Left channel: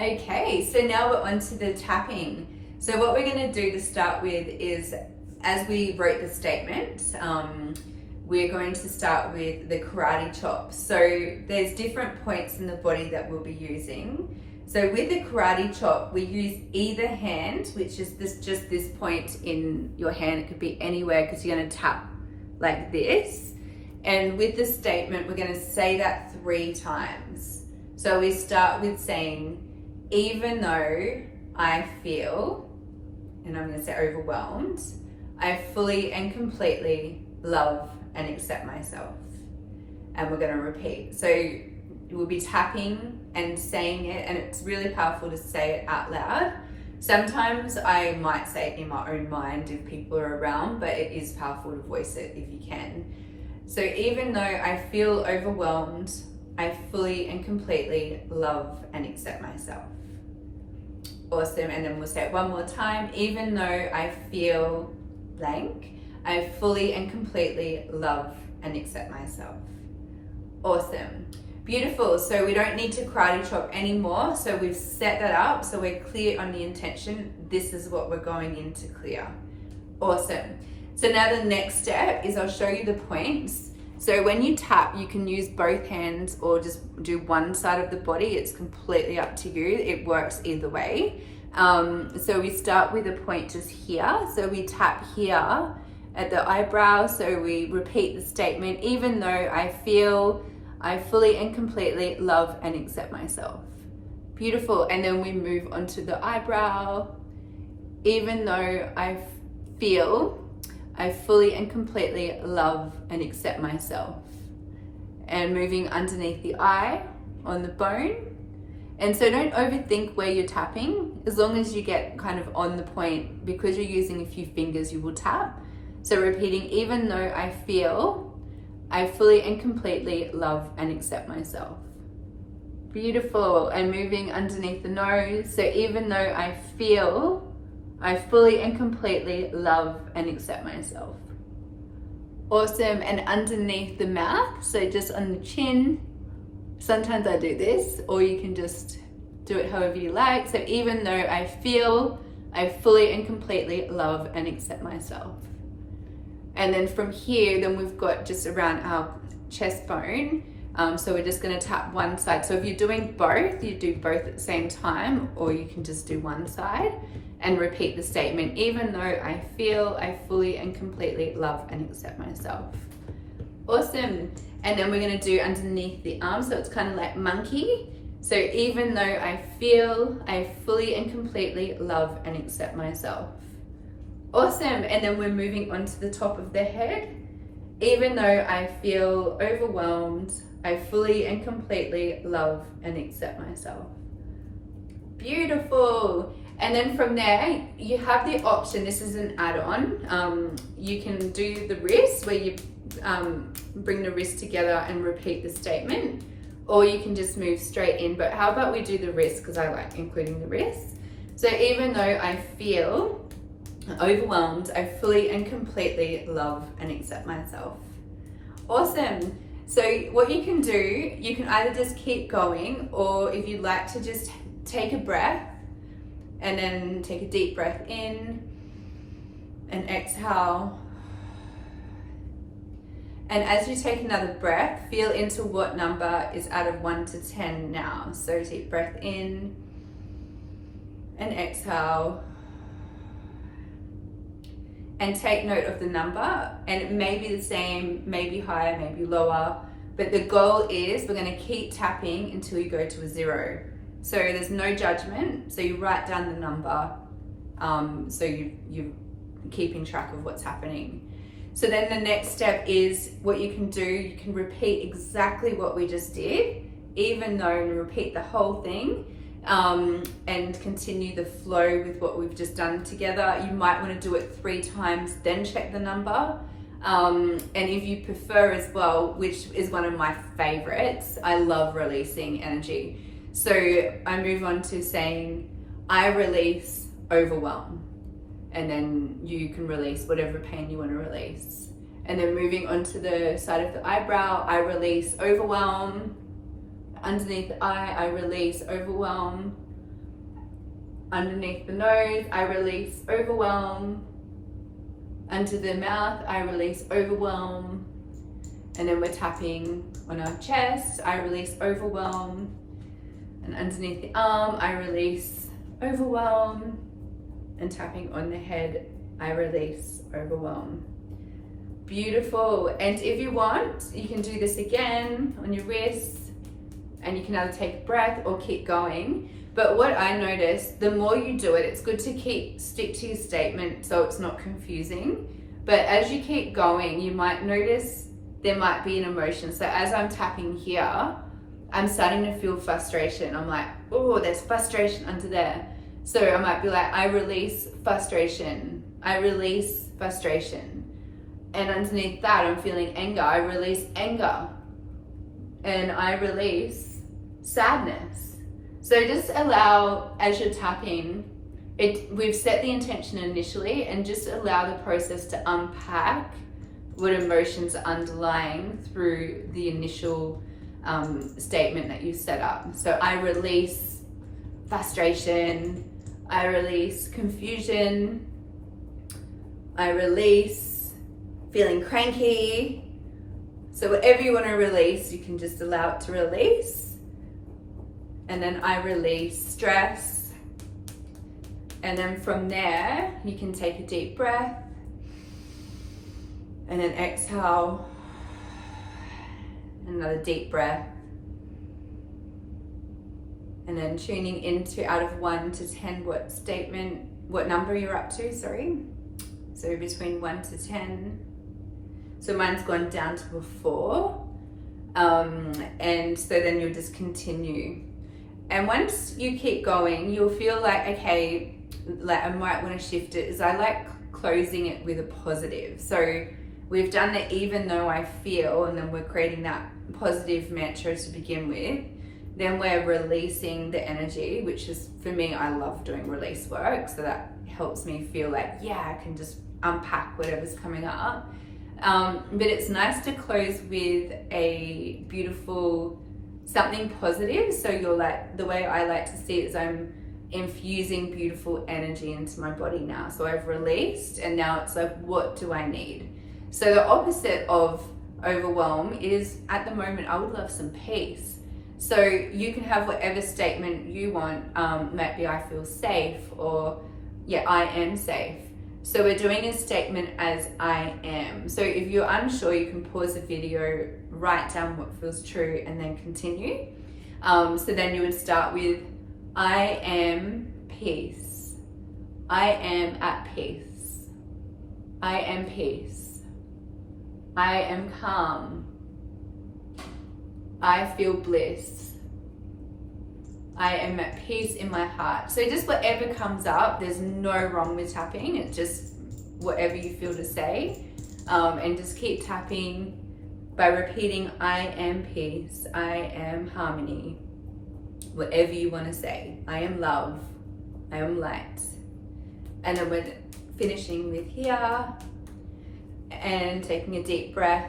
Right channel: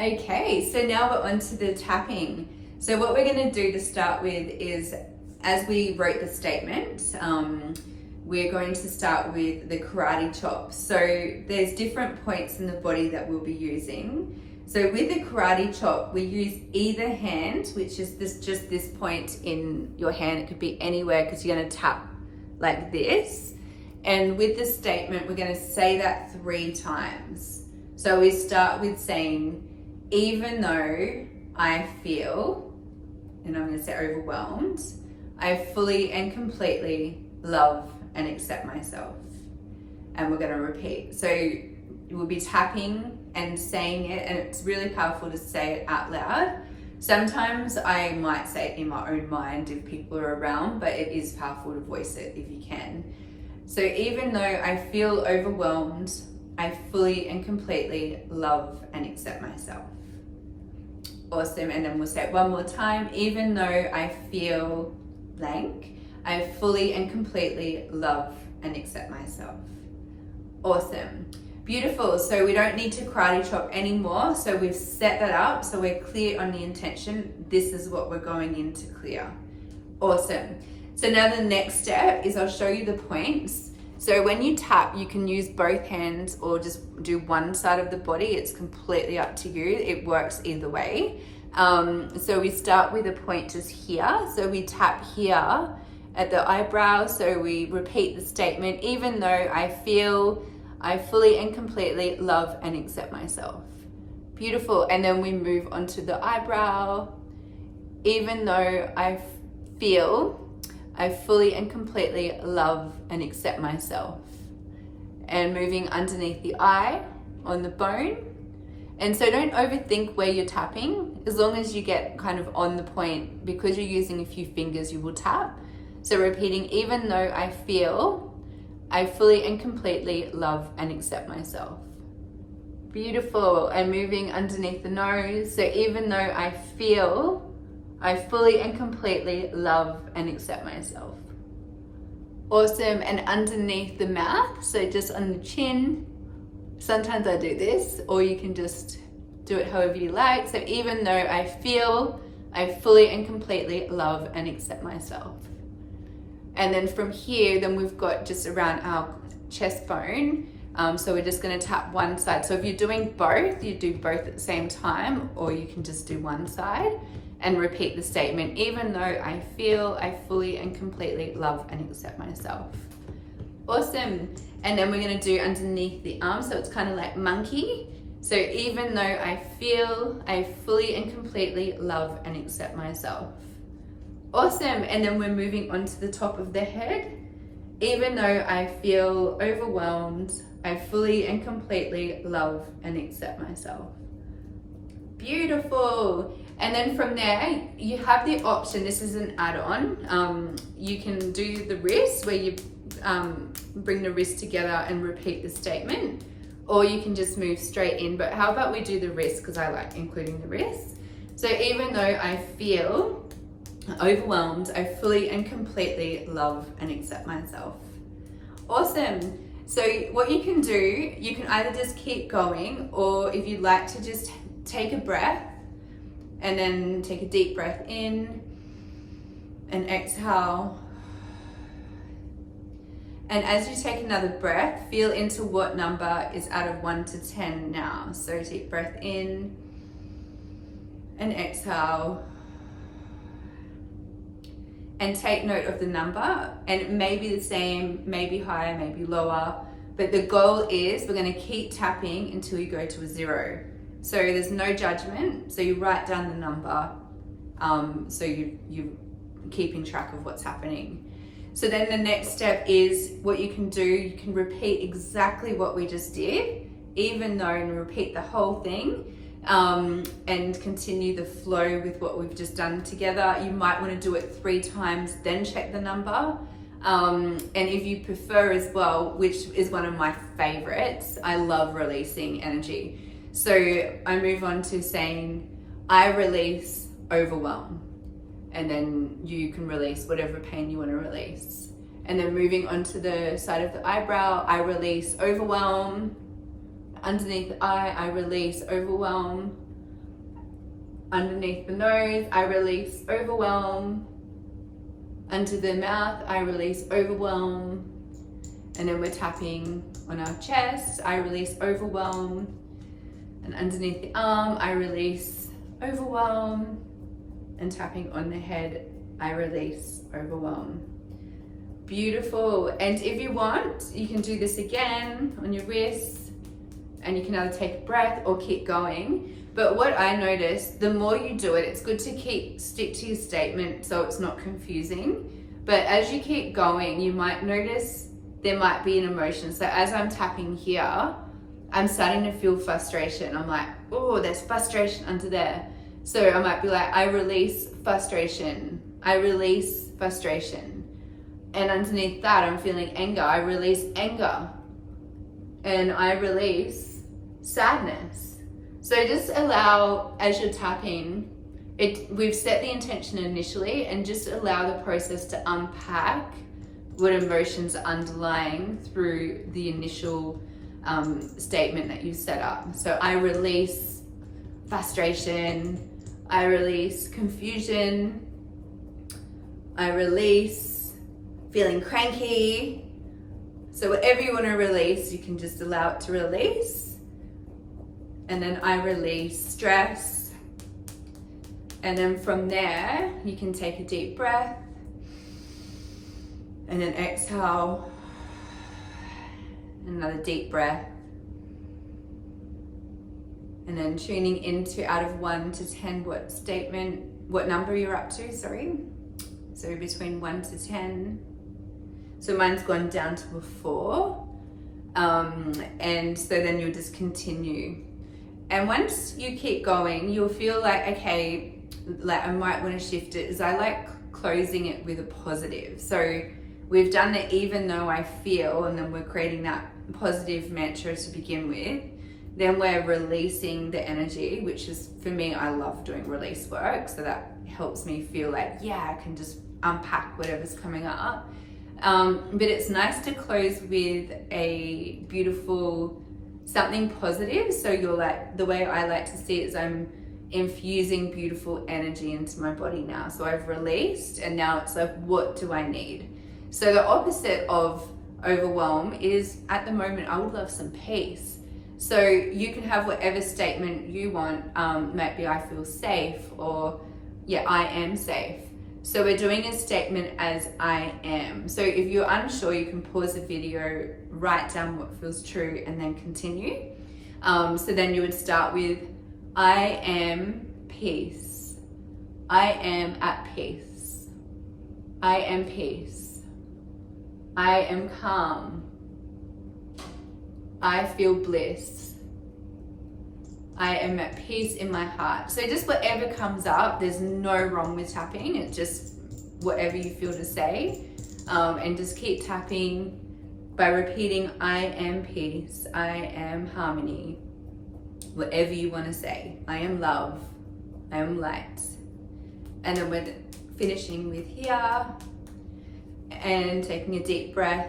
Okay, so now we're on to the tapping. So what we're going to do to start with is, as we wrote the statement, we're going to start with the karate chop. So there's different points in the body that we'll be using. So with the karate chop, we use either hand, which is just this point in your hand. It could be anywhere because you're going to tap like this. And with the statement, we're going to say that 3 times. So we start with saying, even though I feel, and I'm going to say overwhelmed, I fully and completely love and accept myself. And we're going to repeat. So we'll be tapping and saying it, and it's really powerful to say it out loud. Sometimes I might say it in my own mind if people are around, but it is powerful to voice it if you can. So even though I feel overwhelmed, I fully and completely love and accept myself. Awesome. And then we'll say it one more time. Even though I feel blank, I fully and completely love and accept myself. Awesome. Beautiful. So we don't need to karate chop anymore. So we've set that up. So we're clear on the intention. This is what we're going in to clear. Awesome. So now the next step is I'll show you the points. So when you tap, you can use both hands or just do one side of the body. It's completely up to you. It works either way. So we start with a point just here. So we tap here at the eyebrow. So we repeat the statement, even though I feel I fully and completely love and accept myself. Beautiful. And then we move on to the eyebrow. Even though I feel I fully and completely love and accept myself. And moving underneath the eye on the bone. And so don't overthink where you're tapping, as long as you get kind of on the point. Because you're using a few fingers, you will tap. So repeating, even though I feel I fully and completely love and accept myself. Beautiful. And moving underneath the nose. So even though I feel I fully and completely love and accept myself. Awesome. And underneath the mouth, so just on the chin. Sometimes I do this, or you can just do it however you like. So even though I feel I fully and completely love and accept myself. And then from here, then we've got just around our chest bone. So we're just going to tap one side. So if you're doing both, you do both at the same time, or you can just do one side and repeat the statement, even though I feel I fully and completely love and accept myself. Awesome. And then we're going to do underneath the arm. So it's kind of like monkey. So even though I feel I fully and completely love and accept myself. Awesome. And then we're moving on to the top of the head. Even though I feel overwhelmed, I fully and completely love and accept myself. Beautiful. And then from there, you have the option, this is an add-on. You can do the wrist where you bring the wrist together and repeat the statement, or you can just move straight in. But how about we do the wrist, because I like including the wrist. So even though I feel overwhelmed, I fully and completely love and accept myself. Awesome. So what you can do, you can either just keep going, or if you'd like to just take a breath and then take a deep breath in and exhale. And as you take another breath, feel into what number is out of 1 to 10 now. So deep breath in and exhale. And take note of the number, and it may be the same, maybe higher, maybe lower, but the goal is we're going to keep tapping until you go to a 0. So there's no judgment. So you write down the number, so you're keeping track of what's happening. So then the next step is what you can do. You can repeat exactly what we just did, even though, and repeat the whole thing. And continue the flow with what we've just done together. You might want to do it 3 times, then check the number. And if you prefer as well, which is one of my favorites, I love releasing energy. So I move on to saying, I release overwhelm. And then you can release whatever pain you want to release. And then moving on to the side of the eyebrow, I release overwhelm. Underneath the eye, I release overwhelm. Underneath the nose, I release overwhelm. Under the mouth, I release overwhelm. And then we're tapping on our chest, I release overwhelm. And underneath the arm, I release overwhelm. And tapping on the head, I release overwhelm. Beautiful. And if you want, you can do this again on your wrists, and you can either take a breath or keep going. But what I noticed, the more you do it, it's good to stick to your statement so it's not confusing. But as you keep going, you might notice there might be an emotion. So as I'm tapping here, I'm starting to feel frustration. I'm like, oh, there's frustration under there. So I might be like, I release frustration. I release frustration. And underneath that, I'm feeling anger. I release anger. And I release sadness. So just allow, as you're tapping, we've set the intention initially, and just allow the process to unpack what emotions are underlying through the initial statement that you set up. So I release frustration, I release confusion, I release feeling cranky. So whatever you want to release, you can just allow it to release. And then I release stress. And then from there, you can take a deep breath. And then exhale. Another deep breath. And then tuning into out of 1 to 10 what number you're up to, sorry. So between 1 to 10. So mine's gone down to a 4. And so then you'll just continue. And once you keep going, you'll feel like, okay, like I might want to shift it, is I like closing it with a positive. So we've done the even though I feel, and then we're creating that positive mantra to begin with. Then we're releasing the energy, which is, for me, I love doing release work. So that helps me feel like, yeah, I can just unpack whatever's coming up. But it's nice to close with a beautiful, something positive. So you're like, the way I like to see it is I'm infusing beautiful energy into my body now. So I've released, and now it's like, what do I need? So the opposite of overwhelm is, at the moment, I would love some peace. So you can have whatever statement you want. Maybe I feel safe, or yeah, I am safe. So we're doing a statement as I am. So if you're unsure, you can pause the video, write down what feels true, and then continue. So then you would start with, I am peace. I am at peace. I am peace. I am calm. I feel bliss. I am at peace in my heart. So just whatever comes up, there's no wrong with tapping. It's just whatever you feel to say. And just keep tapping by repeating, I am peace. I am harmony. Whatever you want to say. I am love. I am light. And then we're finishing with here. And taking a deep breath.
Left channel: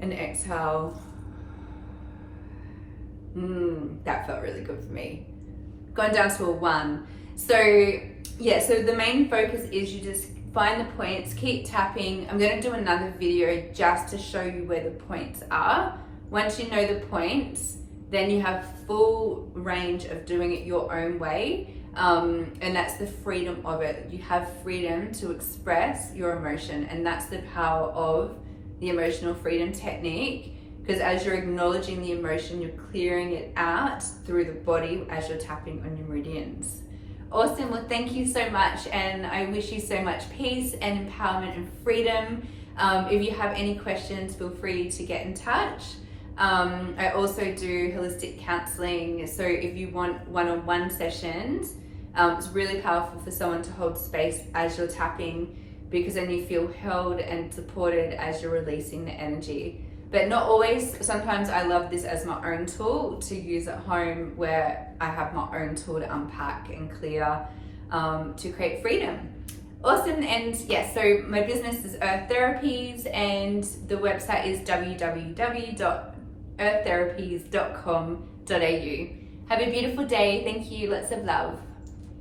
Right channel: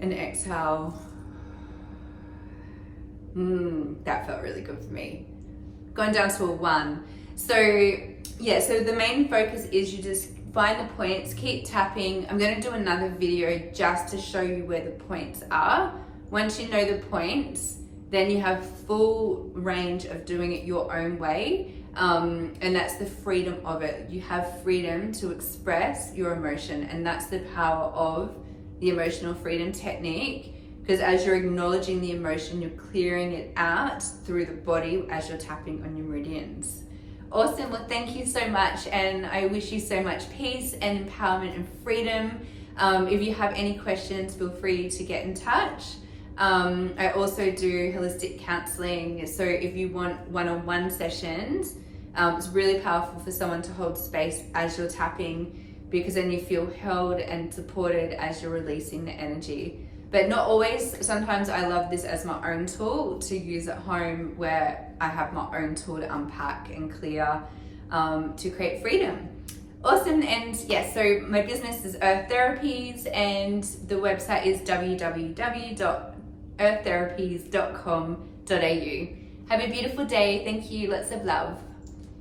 And exhale. That felt really good for me. Going down to a 1. So yeah, so the main focus is you just find the points, keep tapping. I'm going to do another video just to show you where the points are. Once you know the points, then you have full range of doing it your own way. And that's the freedom of it. You have freedom to express your emotion, and that's the power of the emotional freedom technique. Because as you're acknowledging the emotion, you're clearing it out through the body as you're tapping on your meridians. Awesome. Well, thank you so much. And I wish you so much peace and empowerment and freedom. If you have any questions, feel free to get in touch. I also do holistic counselling. So if you want one-on-one sessions, it's really powerful for someone to hold space as you're tapping, because then you feel held and supported as you're releasing the energy. But not always. Sometimes I love this as my own tool to use at home, where I have my own tool to unpack and clear to create freedom. Awesome. And yes, so my business is Earth Therapies, and the website is www.earththerapies.com.au. Have a beautiful day. Thank you. Lots of love.